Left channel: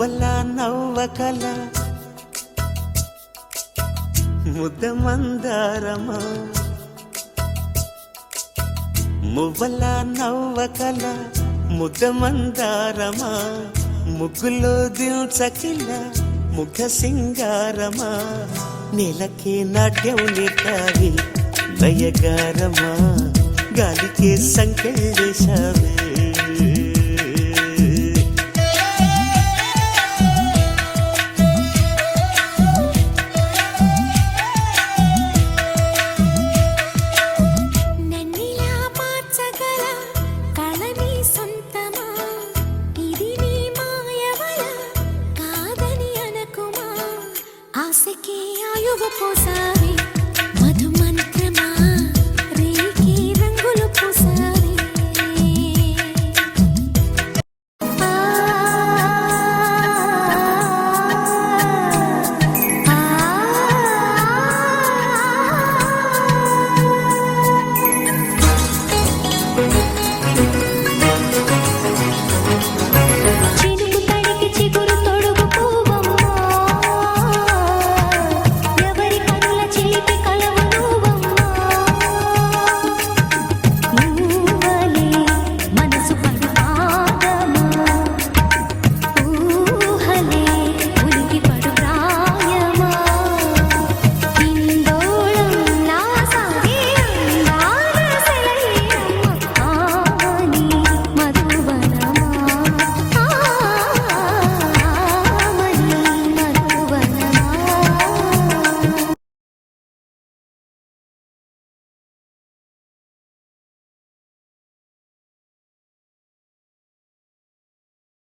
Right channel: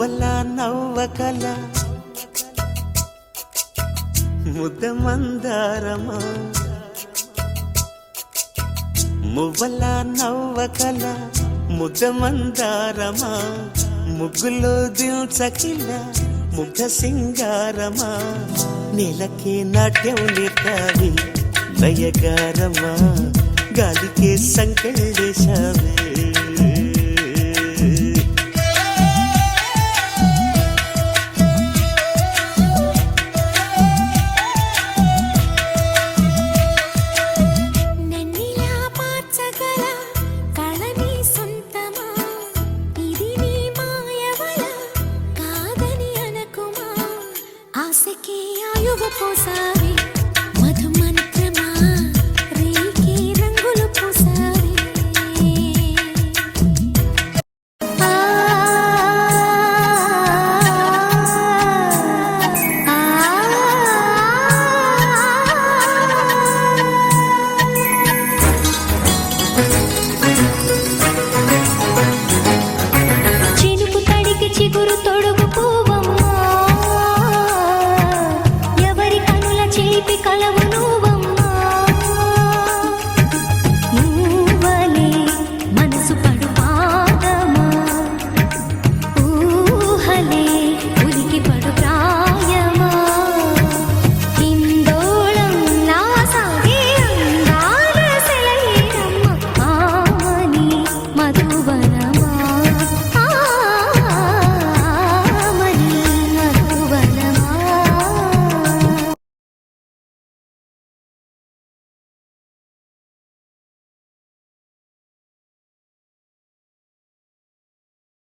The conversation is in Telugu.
మువ్వల నవ్వకల ముద్ద మందారమా మువ్వల నవ్వకల ముద్ద మందారమా ముగ్గులో దిల్చకిల ముగ్ధ సింగారమా నెలకే నాట్యం నేర్తావి నయగారమా గాలికే సంకెళ్ళేశావే ఆశకి ఆయువు పోసా